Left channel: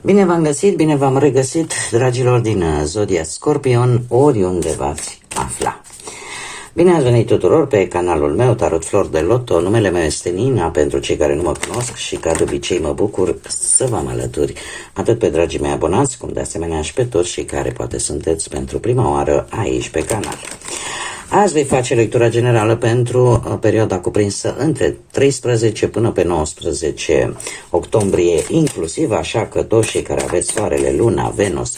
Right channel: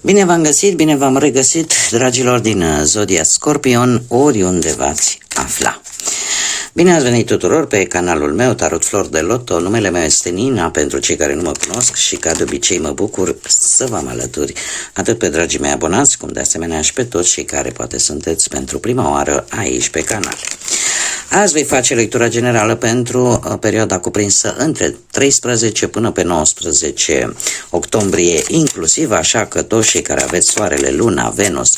Bine v-am găsit, bine v-am regăsit, dragilor din Zodia Scorpion, oriunde v-ați afla. Bine ați venit tuturor pe canalul meu, Tarot Flor de Loto. Numele meu este Nina, pentru cei care nu mă cunosc, și ca de obicei mă bucur să vă alături atât pe dragii mei abonați, cum de asemenea și pe toți cei care poate sunteți pentru prima oară aici pe canal. Azi voi face lectura generală pentru perioada cuprinsă între 13 până pe 19 octombrie inclusiv, așa că toți cei care aveți soarele, luna, Venus,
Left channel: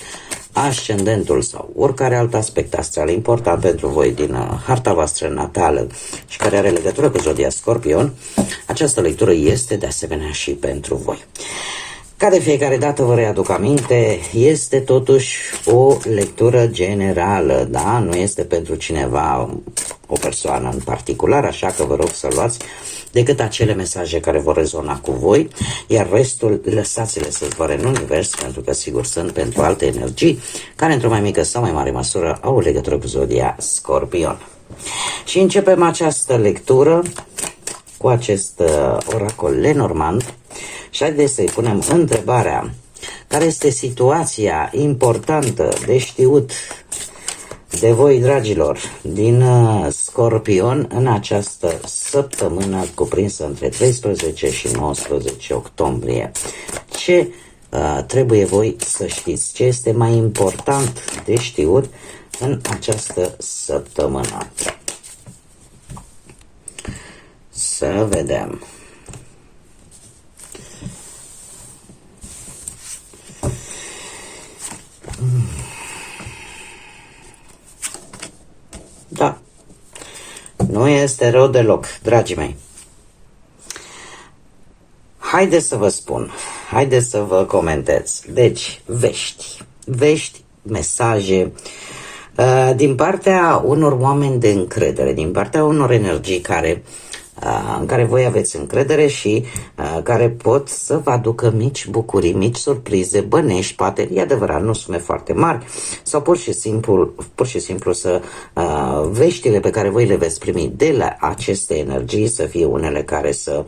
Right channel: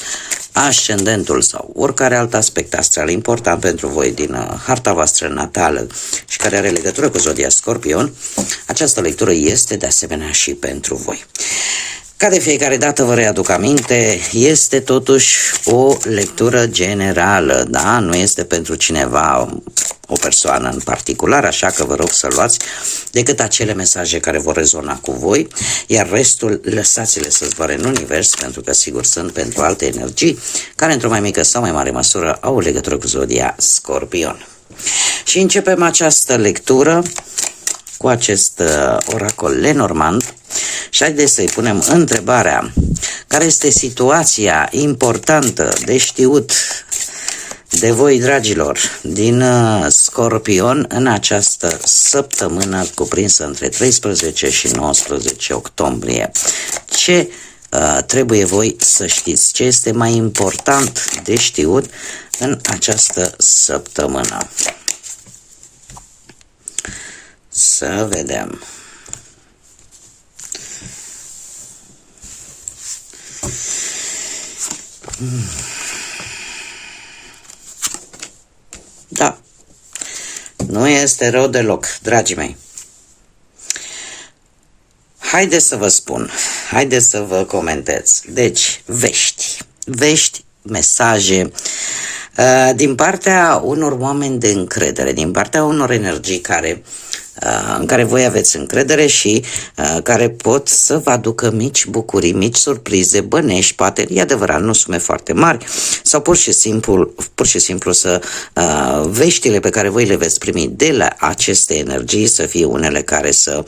ascendentul sau oricare alt aspect astral important pentru voi din harta voastră natală și care are legătură cu Zodia Scorpion, această lectură este de asemenea și pentru voi. Ca de fiecare dată vă readuc aminte, este totuși o lectură generală, da? Nu este pentru cineva, o persoană în particular, așa că vă rog să luați decât acele mesaje care vor rezona cu voi, iar restul lăsați-le să zboare în univers, pentru că sigur sunt pentru alte energii care într-o mai mică sau mai mare măsură au legătură cu Zodia Scorpion. Și începem această lectură cu acest oracol Lenormand și haideți să-i punem întrebarea: care este situația importantă de știut de voi, dragilor, din Scorpion în această săptămână cuprinsă între 13 și 19 octombrie? Ce trebuie voi să știți? Ce este mai important de știut în această săptămână? Să vedem. Da, nu este rău deloc, dragii mei. Haideți să vă spun, haideți să vă comentez. Deci, vești, mesaje din partea unor oameni de încredere, din partea unor energii în care voi aveți încredere și care pot să vă aducă mici bucurii, mici surprize, bănești, poate, e adevărat, nu sume foarte mari, sau pur și simplu să veștile pe care voi le veți primi de la aceste energii să fie unele care să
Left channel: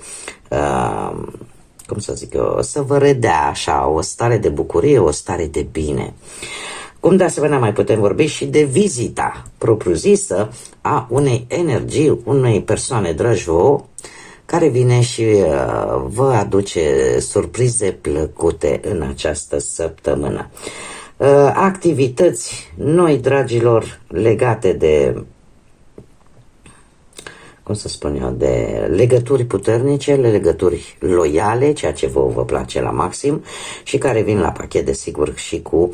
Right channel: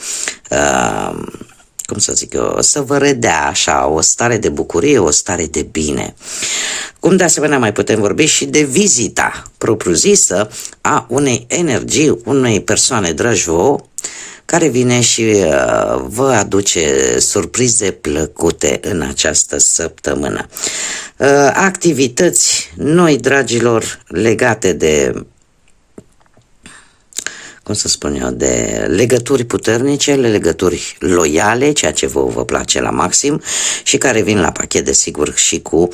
cum să zic eu, să vă redea așa o stare de bucurie, o stare de bine. Cum de asemenea mai putem vorbi și de vizita propriu-zisă a unei energii, unei persoane dragi vouă, care vine și vă aduce surprize plăcute în această săptămână. Activități noi, dragilor, legate de, cum să spun eu, de legături puternice, legături loiale, ceea ce vă place la maxim și care vin la pachet, desigur, și cu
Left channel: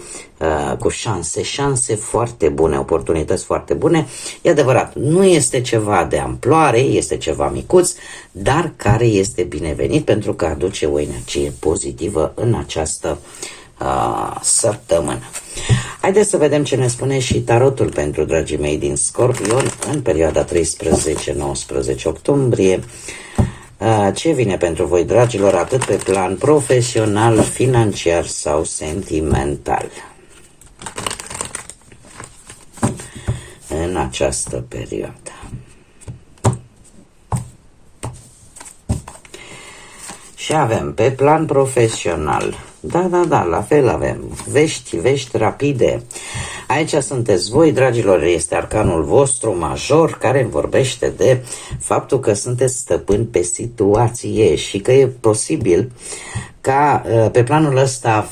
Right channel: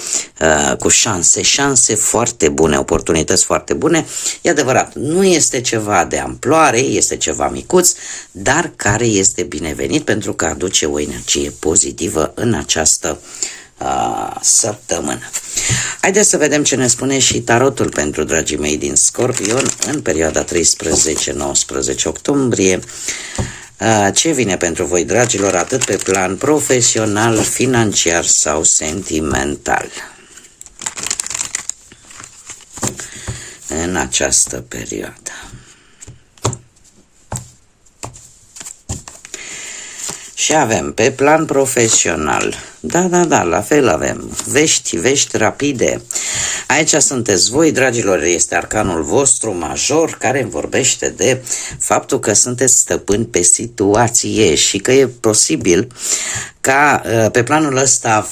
șanse foarte bune, oportunități foarte bune. E adevărat, nu este ceva de amploare, este ceva micuț, dar care este binevenit pentru că aduce o energie pozitivă în această săptămână. Haideți să vedem ce ne spune și tarotul pentru dragii mei din Scorpion în perioada 13-19 octombrie. Ce vine pentru voi, dragilor, atât pe plan profesional, financiar sau sentimental în această perioadă? Și avem pe plan profesional, da, la fel avem vești rapide. Aici sunteți voi, dragilor, este arcanul vostru major care vorbește de faptul că sunteți stăpâni pe situație și că e posibil ca pe planul ăsta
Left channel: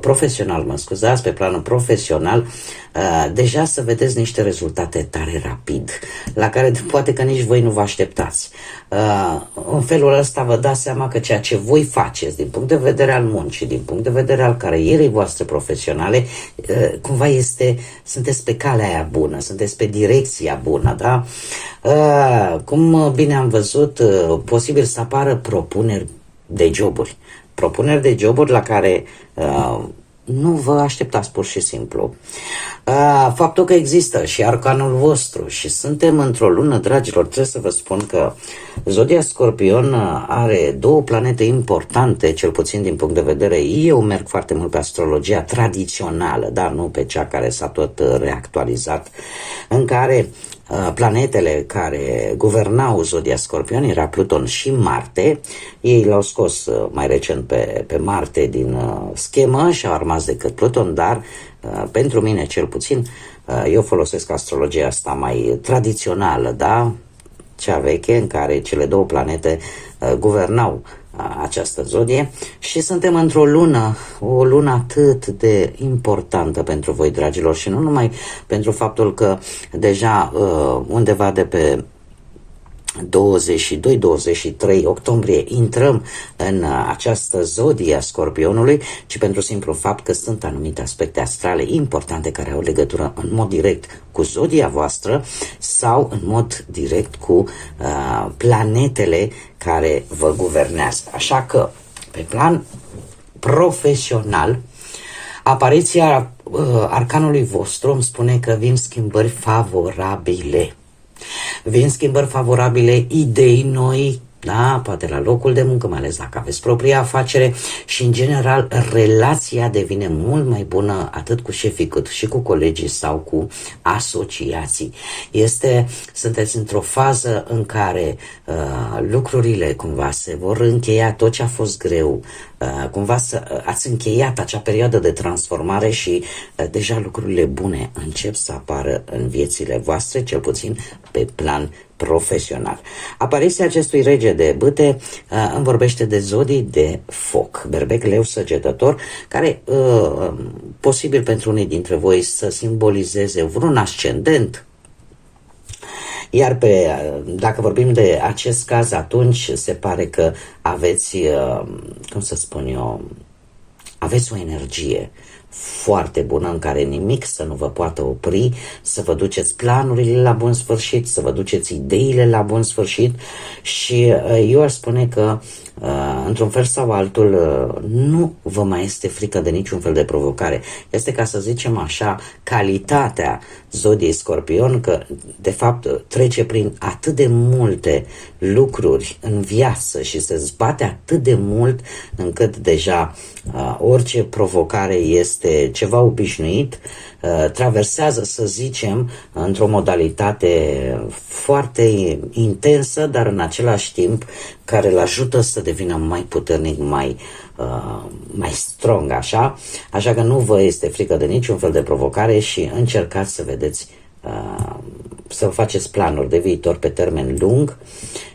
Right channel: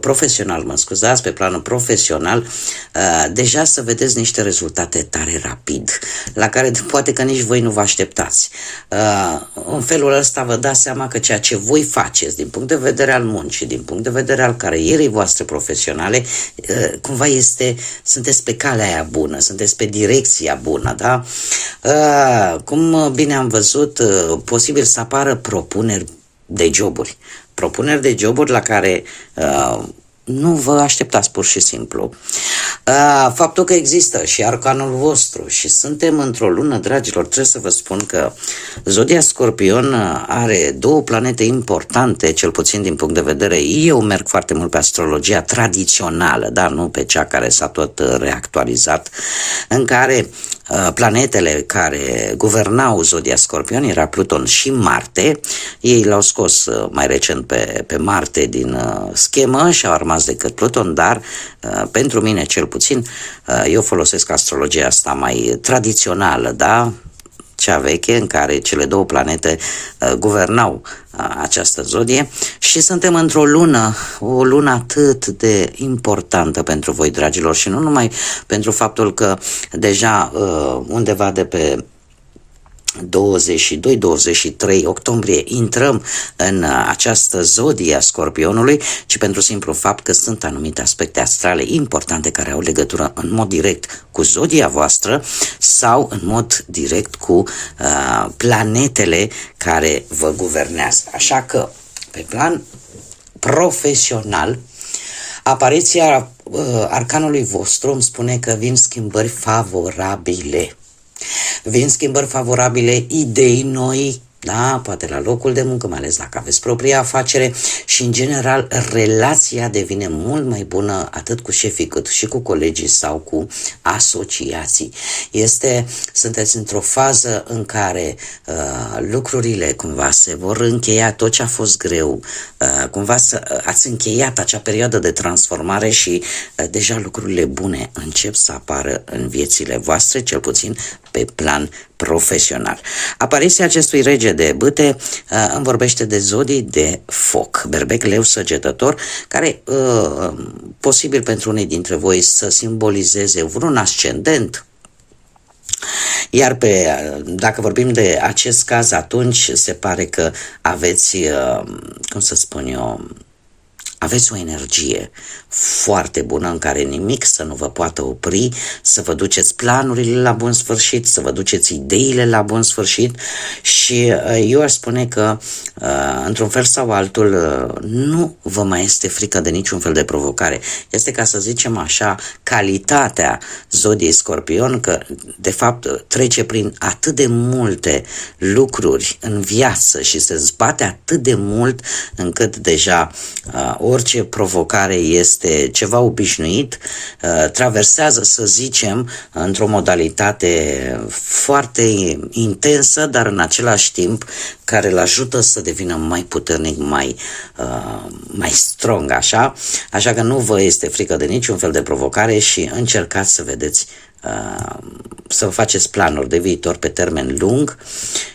profesional, pe planul profesional deja să vedeți niște rezultate tare rapid, la care poate că nici voi nu vă așteptați. În felul ăsta vă dați seama că ceea ce voi faceți din punct de vedere al muncii, din punct de vedere al carierei voastre profesionale, cumva sunteți pe calea aia bună, sunteți pe direcția bună, da? Cum bine am văzut, posibil să apară propuneri de joburi la care nu vă așteptați pur și simplu. Faptul că există și arcanul vostru și suntem într-o lună, dragilor, trebuie să vă spun că Zodia Scorpion are două planete importante, cel puțin din punct de vedere, eu merg foarte mult pe astrologia tradițională, dar nu pe cea care s-a tot reactualizat, în care planetele care guvernau zodia Scorpion era Pluton și Marte. Ei l-au scos mai recent pe Marte din schemă și au rămas decât Pluton, dar pentru mine cel puțin eu folosesc astrologia asta mai tradițională, da? Cea veche, în care cele două planete guvernau această zodie și suntem într-o lună, o lună atât de importantă pentru voi, dragilor, și nu numai pentru faptul că deja undeva de pe 22-23 octombrie intrăm în această zodie a Scorpionului, ci pentru simplu fapt că sunt anumite aspecte astrale importante care au legătură în mod direct cu zodia voastră sau în mod direct cu planetele care vă guvernează. Așa că, pe plan profesional, apariția arcanului vostru îmi spune că vin schimbări favorabile. Vin schimbări favorabile, idei noi, da, poate la locul de muncă, mai ales dacă aveți propria afacere și, în general, relația devine mult mai bună atât cu șefii cât și cu colegii sau cu asociații. Sunteți într-o fază în care lucrurile cumva se vor încheia, tot ce a fost greu, cumva ați încheiat acea perioadă de transformare și deja lucrurile bune încep să apară în viețile voastre, cel puțin pe plan profesional. Apariția acestui rege de bâte îmi vorbește de zodii de foc, berbec, leu, săgetător, care posibil pentru unii dintre voi să simbolizeze vreun ascendent. Iar dacă vorbim de acest caz, atunci se pare că aveți, cum să spun eu, aveți o energie foarte bună în care nimic să nu vă poată opri, să vă duceți planurile la bun sfârșit, să vă duceți ideile la bun sfârșit și eu aș spune că într-un fel sau altul nu vă mai este frică de niciun fel de provocare. Este, ca să zicem așa, calitatea zodiei Scorpion, că de fapt trece prin atât de multe lucruri în viață și se zbate atât de mult încât deja orice provocare este ceva obișnuit, traversează, să zicem, într-o modalitate foarte intensă, dar în același timp care îl ajută să devină mai puternic, mai strong, așa că nu vă este frică de niciun fel de provocare și încercați să vedeți, să vă faceți planuri de viitor pe termen lung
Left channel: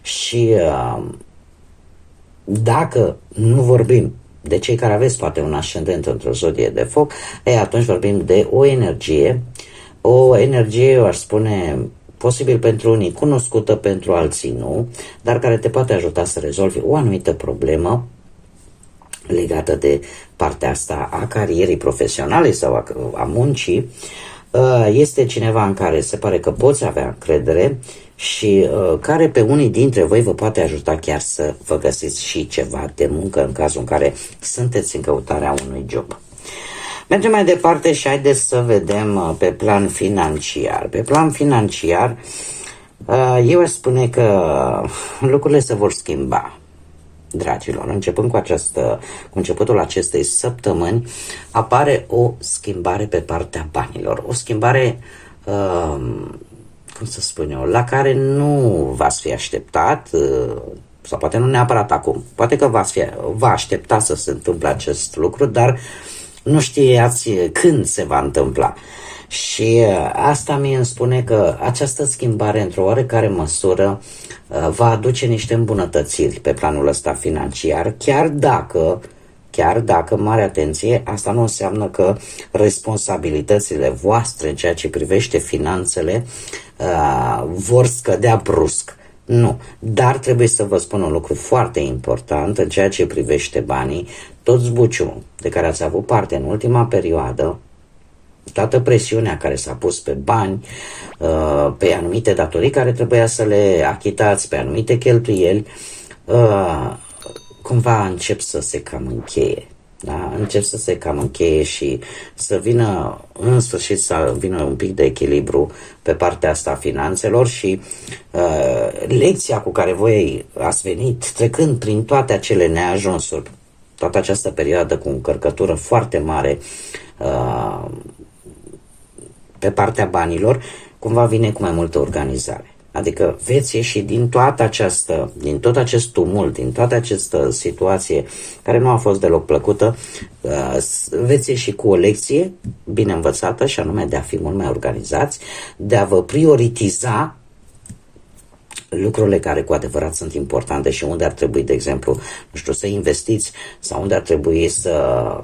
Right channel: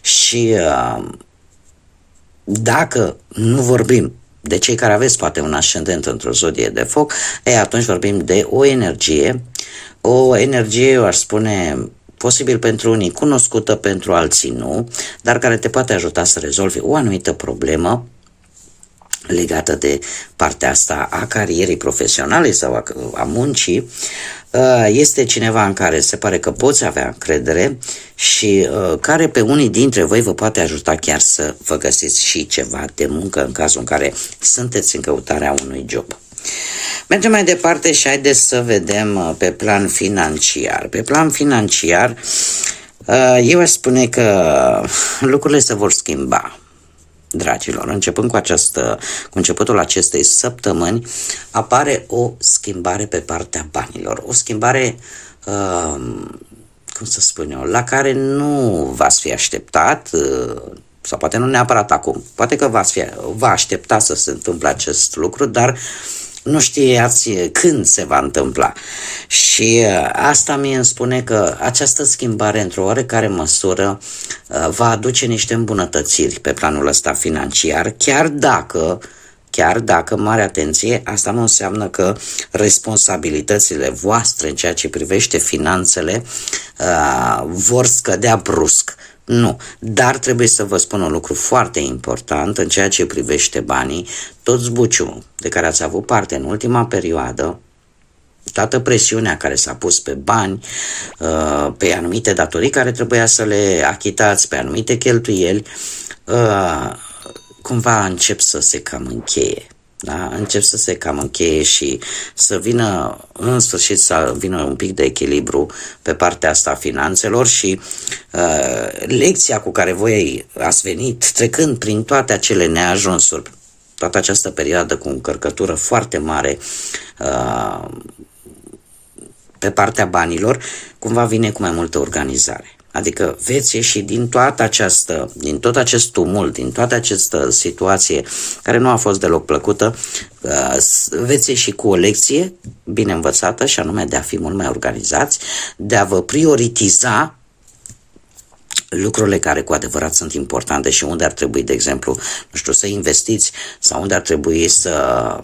și dacă nu vorbim de cei care aveți poate un ascendent într-o zodie de foc, atunci vorbim de o energie, eu aș spune, posibil pentru unii cunoscută, pentru alții nu, dar care te poate ajuta să rezolvi o anumită problemă legată de partea asta a carierei profesionale sau a muncii. Este cineva în care se pare că poți avea încredere și care pe unii dintre voi vă poate ajuta chiar să vă găsiți și ceva de muncă în cazul în care sunteți în căutarea unui job. Mergem mai departe și haideți să vedem pe plan financiar. Pe plan financiar, eu aș spune că lucrurile se vor schimba. Dragilor, începând cu începutul acestei săptămâni, apare o schimbare pe partea banilor. O schimbare, cum să spun eu, la care nu v-ați fi așteptat, sau poate nu neapărat acum. Poate că vă aștepta să se întâmple acest lucru, dar nu știați când se va întâmpla. Și asta mi îmi spune că această schimbare, într-o oarecare măsură, va aduce niște îmbunătățiri pe planul ăsta financiar, chiar dacă, mare atenție, asta nu înseamnă că responsabilitățile voastre în ceea ce privește finanțele vor scădea brusc. Nu, dar trebuie să vă spun un lucru foarte important în ceea ce privește banii. Tot zbuciumul de care ați avut parte în ultima perioadă, toată presiunea care s-a pus pe bani, pe anumite datorii care trebuia să le achitați, pe anumite cheltuieli, cumva încep să se cam încheie. Da? Încep să se cam încheie și să vină, în sfârșit, să vină un pic de echilibru pe partea asta a finanțelor și lecția cu care voi ați venit, trecând prin toate acele neajunsuri, toată această perioadă cu încărcătură foarte mare pe partea banilor, cumva vine cu mai multă organizare. Adică veți ieși din tot acest tumult, din toată această situație care nu a fost deloc plăcută, veți ieși cu o lecție bine învățată și anume de a fi mult mai organizați, de a vă prioritiza lucrurile care cu adevărat sunt importante și unde ar trebui, de exemplu, nu știu, să investiți sau unde ar trebui să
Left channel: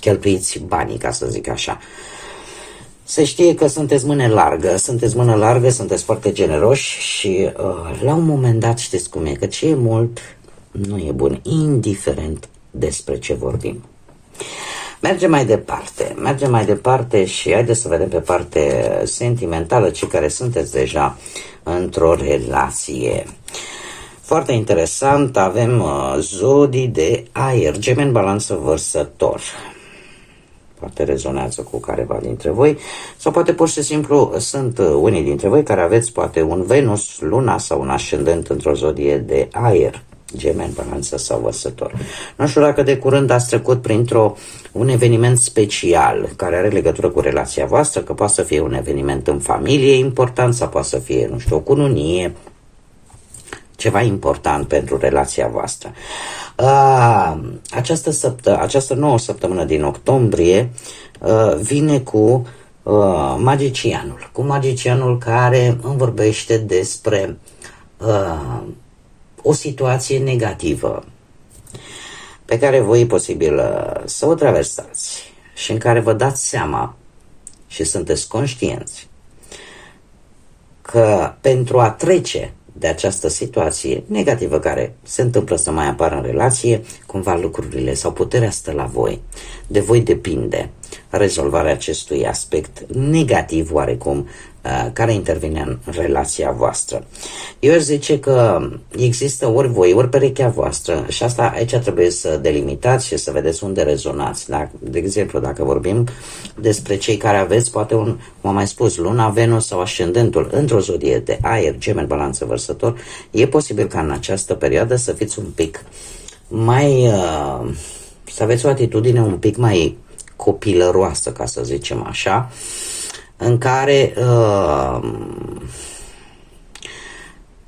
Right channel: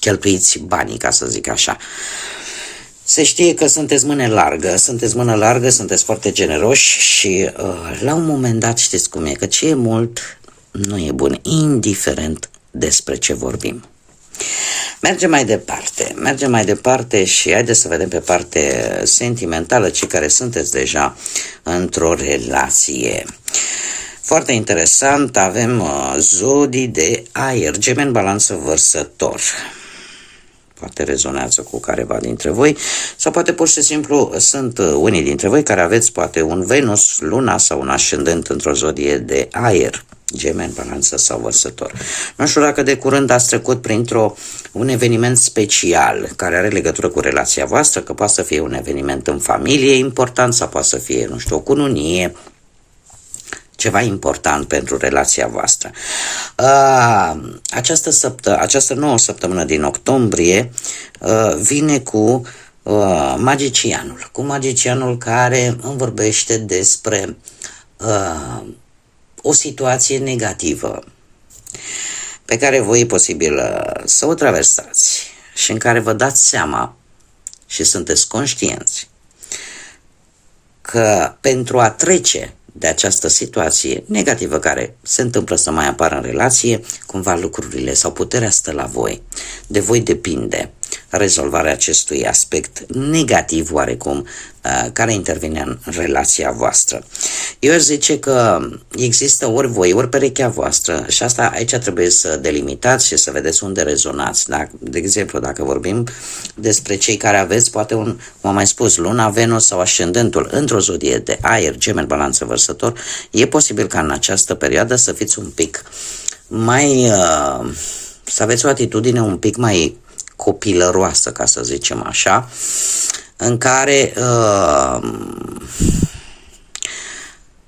cheltuiți banii, ca să zic așa. Se știe că sunteți mână largă, sunteți foarte generoși și la un moment dat știți cum e, că ce e mult nu e bun, indiferent despre ce vorbim. Mergem mai departe și haideți să vedem pe parte sentimentală, cei care sunteți deja într-o relație. Foarte interesant, avem zodii de aer, Gemeni, Balanță, Vărsător. Poate rezonează cu careva dintre voi sau poate pur și simplu sunt unii dintre voi care aveți poate un Venus, Luna sau un ascendent într-o zodie de aer, Gemeni, Balanță sau Vărsător. Nu știu dacă de curând ați trecut un eveniment special care are legătură cu relația voastră, că poate să fie un eveniment în familie important sau poate să fie, nu știu, o cununie, ceva important pentru relația voastră. Această nouă săptămână din octombrie vine cu magicianul care îmi vorbește despre o situație negativă pe care voi e posibil să o traversați și în care vă dați seama și sunteți conștienți că pentru a trece de această situație negativă care se întâmplă să mai apară în relație, cumva lucrurile sau puterea stă la voi. De voi depinde rezolvarea acestui aspect negativ oarecum care intervine în relația voastră. Eu aș zice că există ori voi, ori perechea voastră și asta aici trebuie să delimitați și să vedeți unde rezonați. De exemplu, dacă vorbim despre cei care aveți, poate cum am mai spus, Luna, Venus sau ascendentul într-o zodie de aer, Gemeni, Balanță, Vărsător, e posibil ca în această perioadă să fiți un pic mai... să aveți o atitudine un pic mai copilăroasă, ca să zicem așa, în care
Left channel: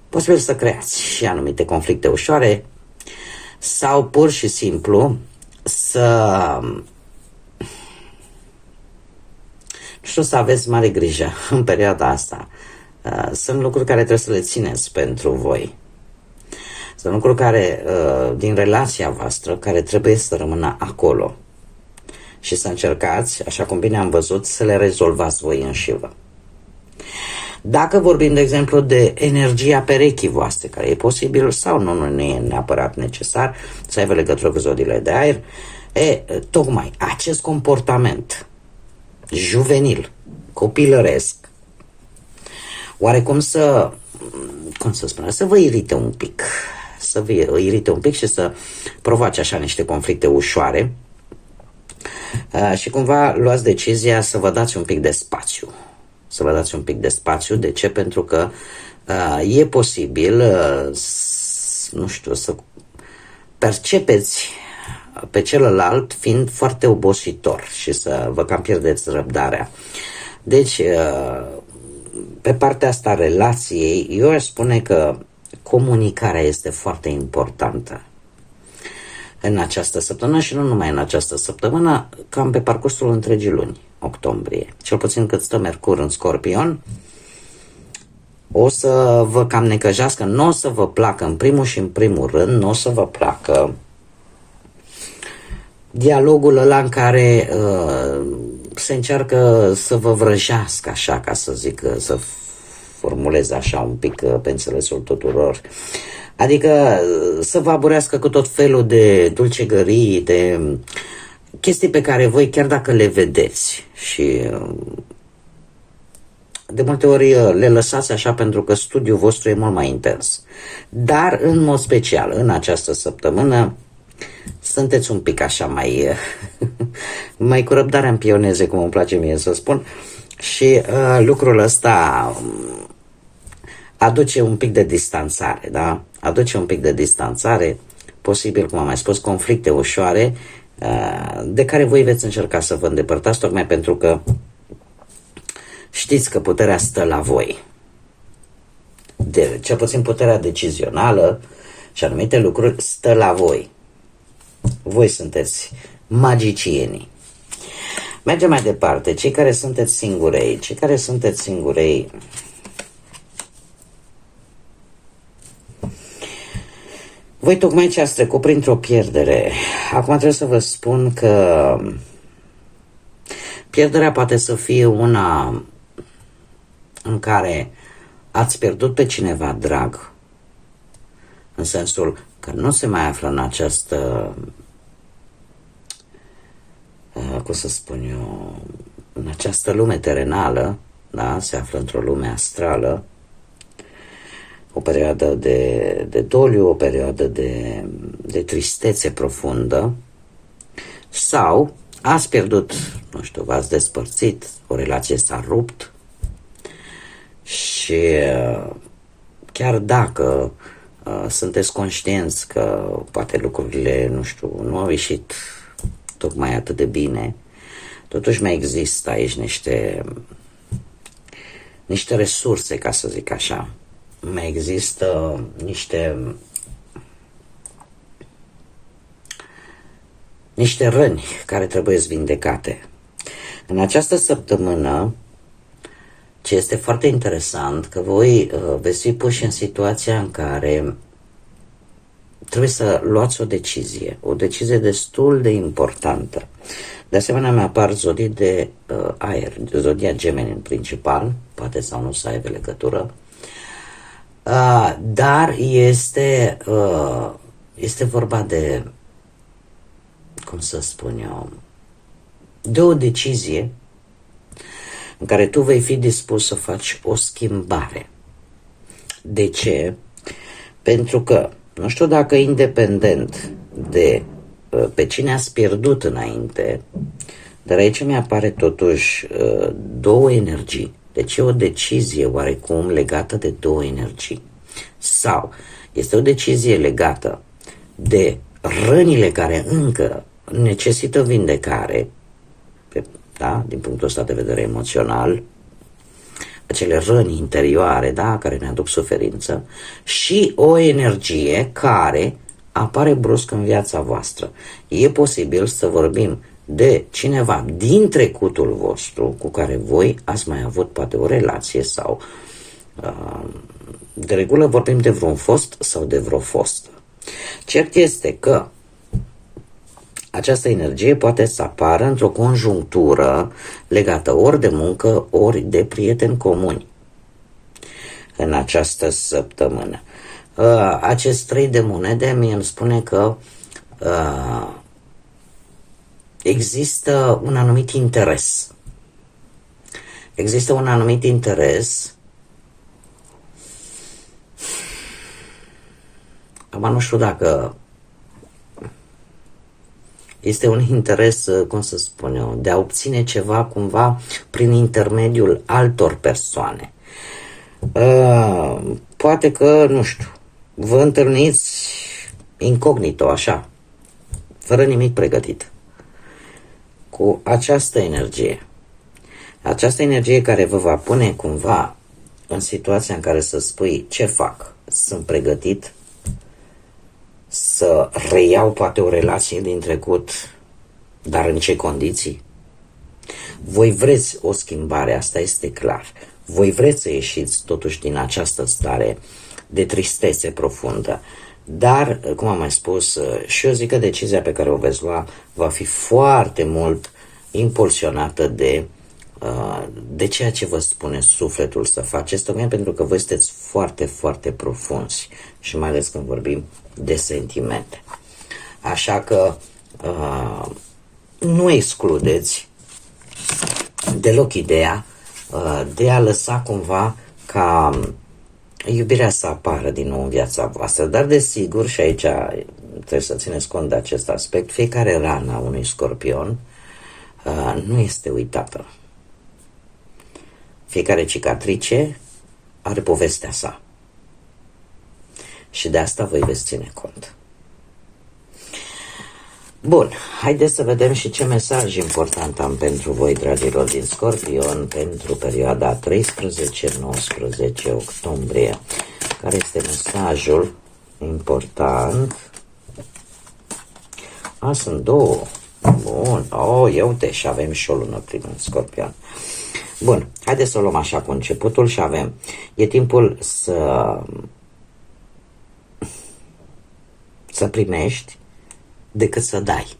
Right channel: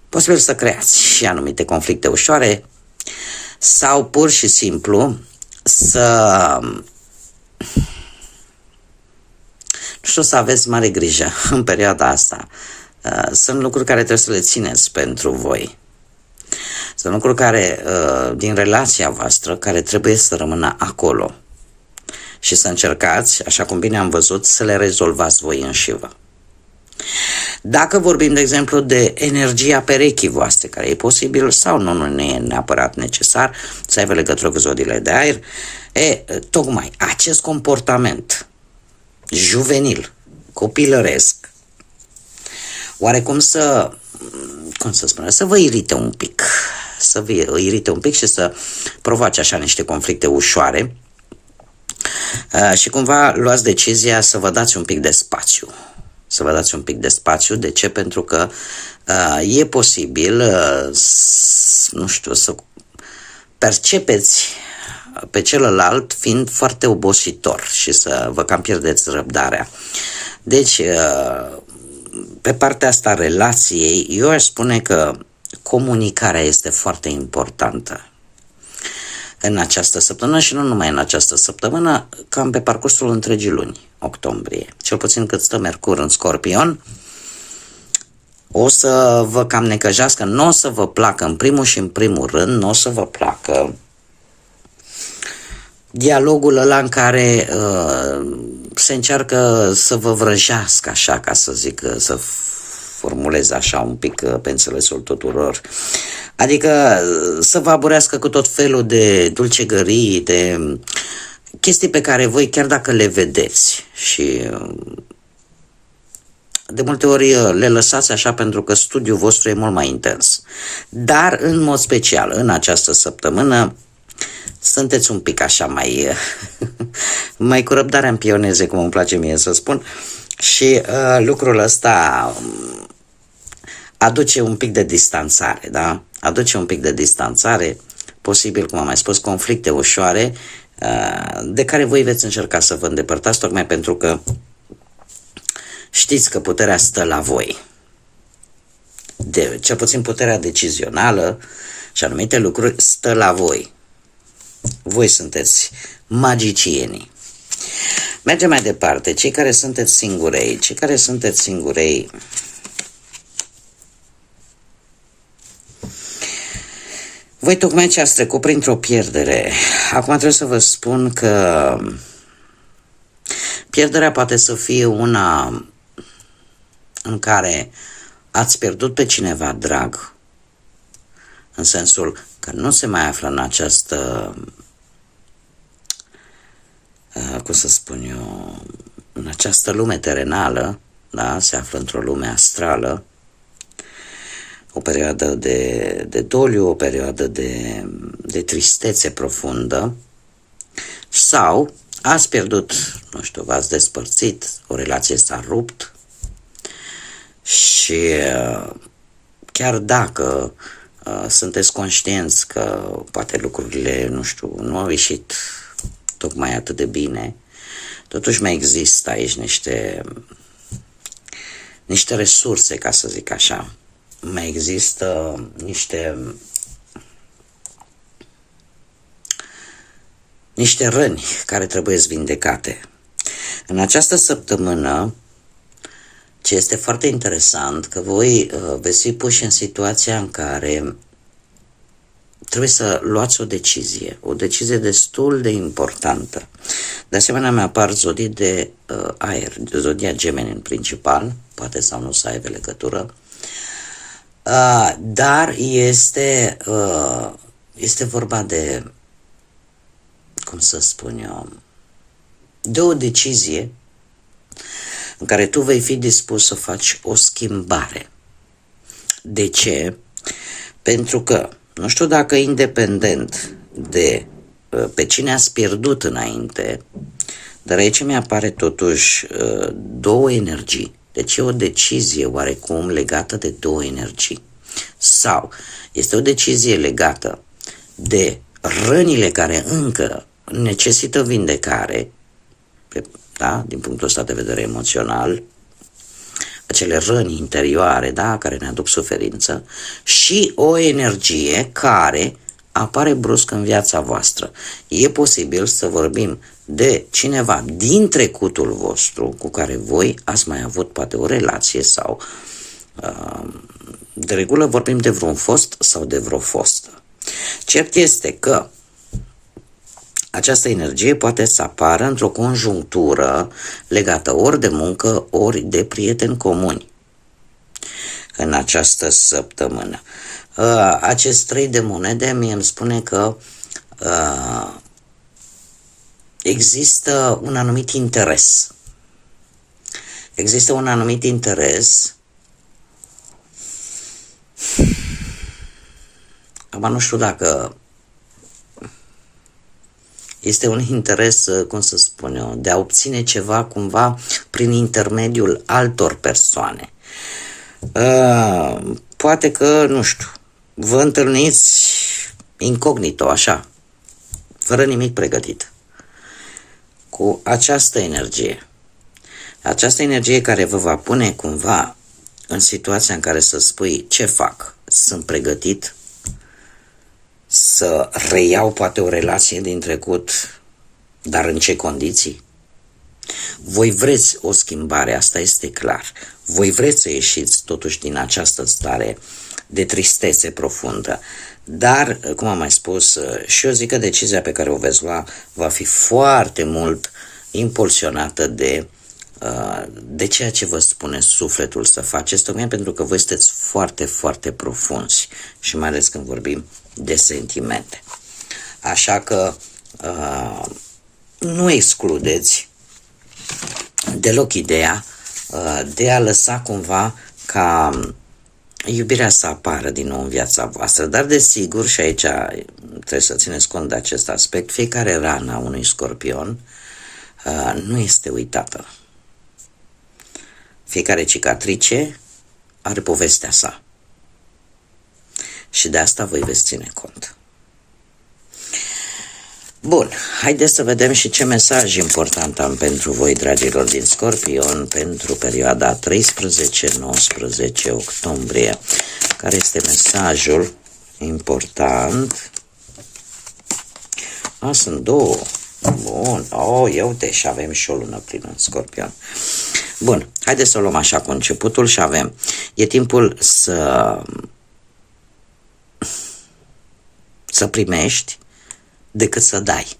posibil să creați și anumite conflicte ușoare sau pur și simplu să aveți mare grijă în perioada asta. Sunt lucruri care trebuie să le țineți pentru voi. Sunt lucruri care, din relația voastră, care trebuie să rămână acolo. Și să încercați, așa cum bine am văzut, să le rezolvați voi înșivă. Dacă vorbim, de exemplu, de energia perechii voastre, care e posibil sau nu e neapărat necesar să aibă legătură cu zodiile de aer, tocmai acest comportament juvenil, copilăresc, oarecum să vă irite un pic, și să provoace așa niște conflicte ușoare, și cumva luați decizia să vă dați un pic de spațiu. De ce? Pentru că e posibil, să percepeți pe celălalt fiind foarte obositor și să vă cam pierdeți răbdarea. Deci, pe partea asta relației, eu aș spune că comunicarea este foarte importantă în această săptămână și nu numai în această săptămână, cam pe parcursul întregii luni, octombrie. Cel puțin cât stă Mercur în Scorpion, o să vă cam necăjească, nu o să vă placă în primul rând, nu o să vă placă dialogul ăla în care se încearcă să vă vrăjească așa, ca să zic, să formulez așa un pic pe înțelesul tuturor. Adică să vă aburească cu tot felul de dulcegării, de chestii pe care voi, chiar dacă le vedeți și de multe ori le lăsați așa pentru că studiul vostru e mult mai intens. Dar, în mod special, în această săptămână, sunteți un pic așa mai cu răbdarea în pioneze, cum îmi place mie să spun, și lucrul ăsta aduce un pic de distanțare, da? Aduce un pic de distanțare, posibil, cum am mai spus, conflicte ușoare, de care voi veți încerca să vă îndepărtați, tocmai pentru că Știți că puterea stă la voi. Cel puțin puterea decizională și anumite lucruri stă la voi. Voi sunteți magicienii. Mergem mai departe. Cei care sunteți singurei, voi tocmai ce ați trecut printr-o pierdere. Acum trebuie să vă spun că pierderea poate să fie una în care ați pierdut pe cineva drag, în sensul că nu se mai află în această, cum să spun eu, în această lume terenală, da? Se află într-o lume astrală, o perioadă de doliu, o perioadă de tristețe profundă, sau ați pierdut, nu știu, v-ați despărțit, o relație s-a rupt și chiar dacă sunteți conștienți că poate lucrurile, nu știu, nu au ieșit tocmai atât de bine, totuși mai există aici niște resurse, ca să zic așa. Mai există niște răni care trebuie vindecate. În această săptămână, ce este foarte interesant, că voi veți fi puși în situația în care trebuie să luați o decizie destul de importantă. De asemenea, mi-apar zodii de aer, zodia Gemeni în principal, poate sau nu să aibă legătură, dar este vorba de, cum să spun eu, de o decizie în care tu vei fi dispus să faci o schimbare. De ce? Pentru că, nu știu dacă independent de pe cine ați pierdut înainte, dar aici mi-apare totuși două energii. Deci e o decizie oarecum legată de două energii. Sau este o decizie legată de rănile care încă necesită vindecare, da? Din punctul ăsta de vedere emoțional, acele răni interioare, da? Care ne aduc suferință, și o energie care apare brusc în viața voastră. E posibil să vorbim de cineva din trecutul vostru cu care voi ați mai avut poate o relație sau de regulă vorbim de vreun fost sau de vreo fostă. Cert este că această energie poate să apară într-o conjunctură legată ori de muncă, ori de prieteni comuni în această săptămână. Acest 3 de monede mie îmi spune că există un anumit interes. Există un anumit interes. Acum nu știu dacă este un interes, cum să spun eu, de a obține ceva cumva prin intermediul altor persoane. Poate că, nu știu, vă întâlniți incognito, așa, fără nimic pregătit, cu această energie. Această energie care vă va pune cumva în situația în care să spui ce fac, sunt pregătit să reiau poate o relație din trecut, dar în ce condiții? Voi vreți o schimbare, asta este clar. Voi vreți să ieșiți totuși din această stare de tristețe profundă. Dar, cum am mai spus, și eu zic că decizia pe care o veți lua va fi foarte mult impulsionată de ceea ce vă spune sufletul să faceți, tocmai pentru că voi sunteți foarte, foarte profunzi și mai ales când vorbim de sentimente. Așa că nu excludeți deloc ideea de a lăsa cumva ca iubirea să apară din nou în viața voastră, dar desigur, și aici trebuie să țineți cont de acest aspect, fiecare rană a unui scorpion nu este uitată. Fiecare cicatrice are povestea sa. Și de asta voi veți ține cont. Bun, haideți să vedem și ce mesaj important am pentru voi, dragilor din Scorpion, pentru perioada 13-19 octombrie. Care este mesajul important? Sunt două. Bun, ia uite, și avem și o lună plină în Scorpion. Bun, haideți să o luăm așa cu începutul și avem. E timpul să primești decât să dai.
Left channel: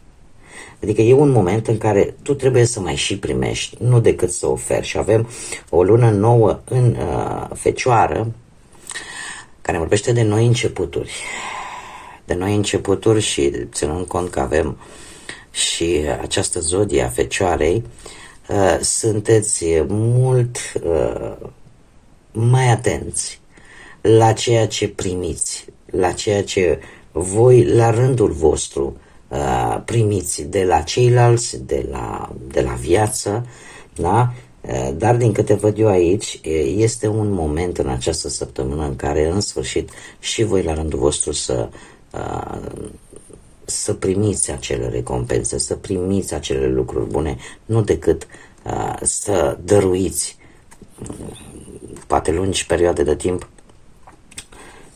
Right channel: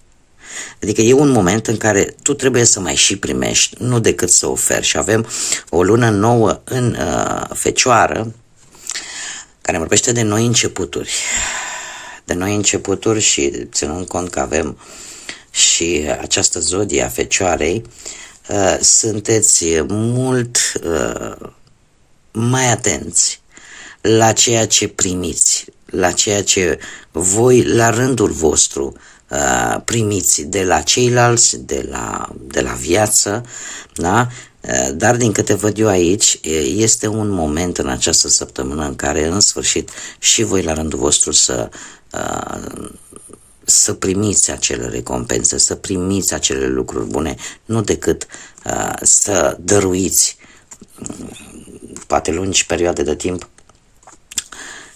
Adică e un moment în care tu trebuie să mai și primești, nu decât să oferi. Și avem o lună nouă în Fecioară, care vorbește de noi începuturi. De noi începuturi și ținând cont că avem și această zodie a Fecioarei, sunteți mult mai atenți la ceea ce primiți, la ceea ce voi, la rândul vostru, primiți de la ceilalți, de la viață, da? Dar din câte văd eu aici, este un moment în această săptămână în care, în sfârșit, și voi la rândul vostru să primiți acele recompense, să primiți acele lucruri bune, nu decât să dăruiți poate lungi perioade de timp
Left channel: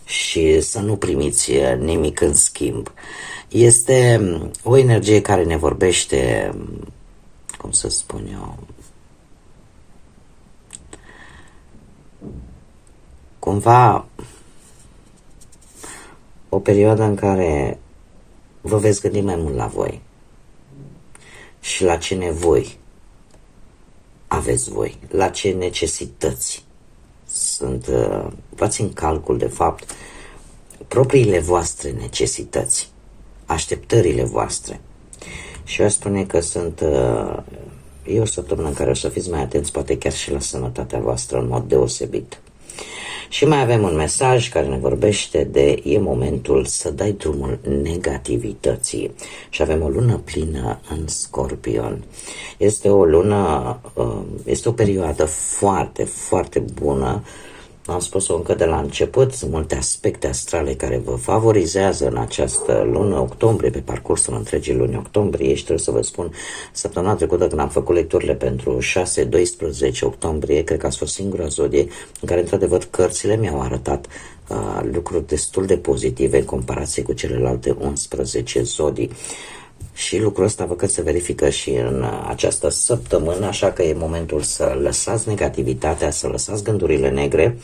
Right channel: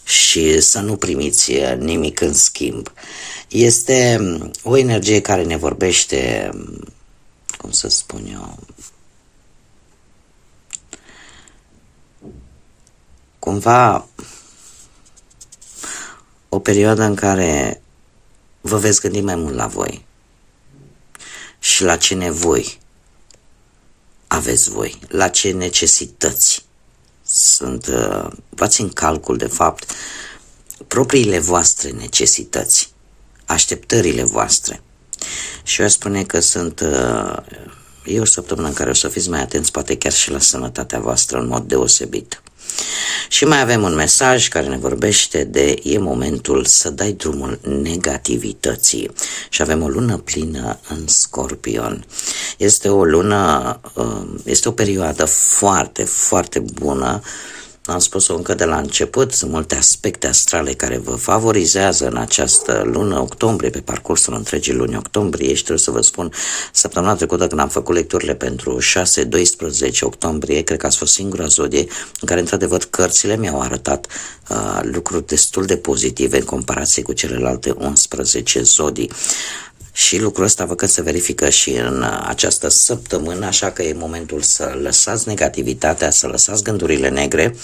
și să nu primiți nimic în schimb. Este o energie care ne vorbește, cum să spun eu, cumva o perioadă în care vă veți gândi mai mult la voi și la ce nevoi aveți voi, la ce necesități luați în calcul, de fapt, propriile voastre necesități, așteptările voastre. Și eu aș spune că e o săptămână în care o să fiți mai atenți, poate chiar și la sănătatea voastră în mod deosebit. Și mai avem un mesaj care ne vorbește e momentul să dai drumul negativității. Și avem o lună plină în Scorpion. Este o perioadă foarte, foarte bună. Am spus-o încă de la început, sunt multe aspecte astrale care vă favorizează în această lună octombrie, pe parcursul întregii luni octombrie. Și trebuie să vă spun, săptămâna trecută când am făcut lecturile pentru 6-12 octombrie, cred că ați fost singura zodie în care, într-adevăr, cărțile mi-au arătat lucruri destul de pozitive în comparație cu celelalte 11 zodii. Și lucrul ăsta văd că se verifică și în această săptămână, așa că e momentul să lăsați negativitatea, să lăsați gândurile negre.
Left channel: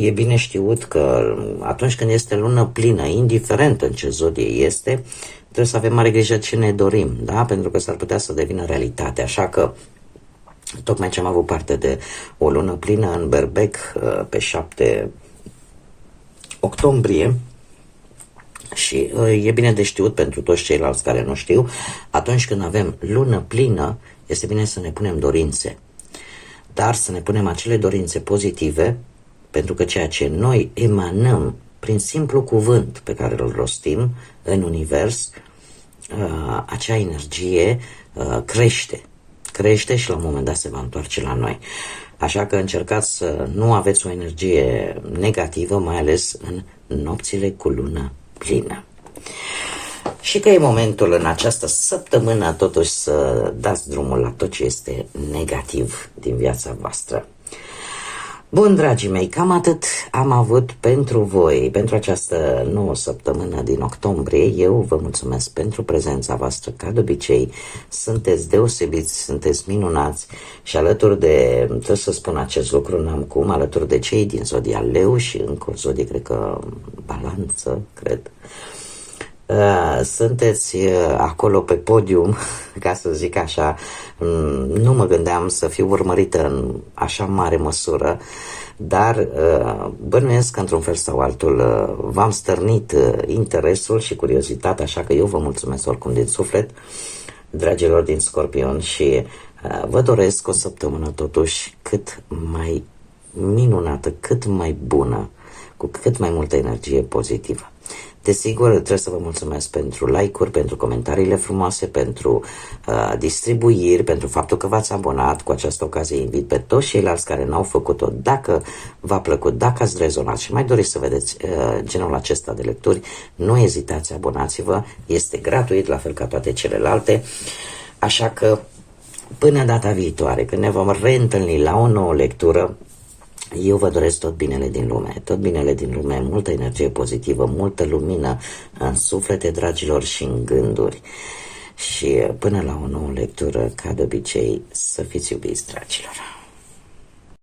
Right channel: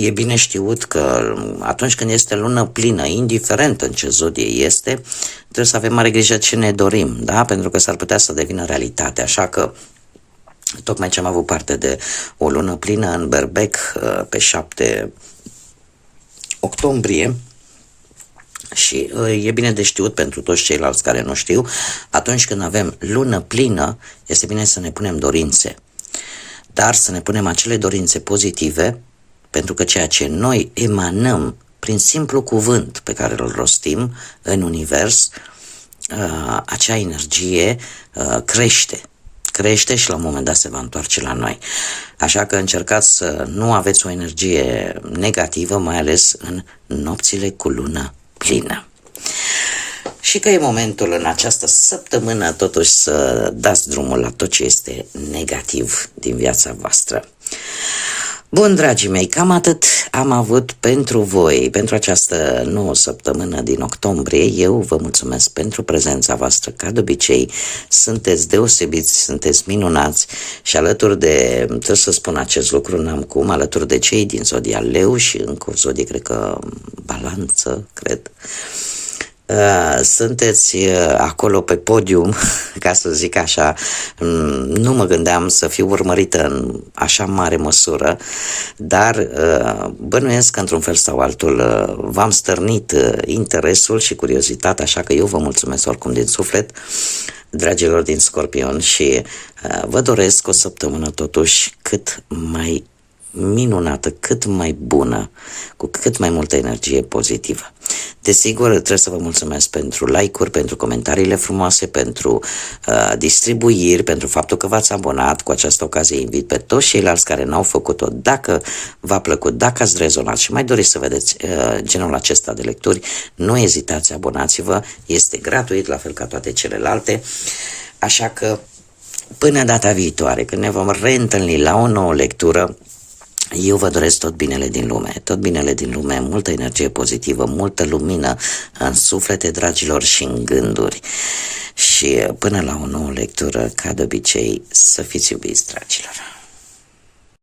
E bine știut că atunci când este lună plină, indiferent în ce zodie este, trebuie să avem mare grijă ce ne dorim, da? Pentru că s-ar putea să devină realitate, așa că tocmai ce am avut parte de o lună plină în Berbec pe 7 octombrie, și e bine de știut pentru toți ceilalți care nu știu, atunci când avem lună plină, este bine să ne punem dorințe. Dar să ne punem acele dorințe pozitive, pentru că ceea ce noi emanăm prin simplu cuvânt pe care îl rostim în univers, acea energie crește și la un moment dat se va întoarce la noi. Așa că încercați să nu aveți o energie negativă, mai ales în nopțile cu lună plină. Și că e momentul în această săptămână totuși să dați drumul la tot ce este negativ din viața voastră. Bun, dragii mei, cam atât am avut pentru voi, pentru această nouă săptămână din octombrie. Eu vă mulțumesc pentru prezența voastră, ca de obicei. Sunteți deosebiți, sunteți minunați și alături de, trebuie să spun acest lucru, n-am cum, alături de cei din zodia Leu și încă o zodie, cred că Balanță, cred. Sunteți acolo pe podium, ca să zic așa. Nu mă gândeam să fiu urmărită în așa mare măsură, dar bănuiesc că într-un fel sau altul v-am stârnit interesul și curiozitatea, așa că eu vă mulțumesc oricum din suflet, dragilor din Scorpion, și vă doresc o săptămână totuși cât mai minunată, cât mai bună, cu cât mai multă energie pozitivă. Desigur, trebuie să vă mulțumesc pentru like-uri, pentru comentariile frumoase, pentru distribuiri, pentru faptul că v-ați abonat. Cu această ocazie invit pe toți ceilalți care n-au făcut-o. Dacă v-a plăcut, dacă ați rezonat și mai doriți să vedeți genul acesta de lecturi, nu ezitați, abonați-vă, este gratuit, la fel ca toate celelalte. Așa că până data viitoare, când ne vom reîntâlni la o nouă lectură, eu vă doresc tot binele din lume, multă energie pozitivă, multă lumină în suflete, dragilor, și în gânduri. Și până la o nouă lectură, ca de obicei, să fiți iubiți, dragilor.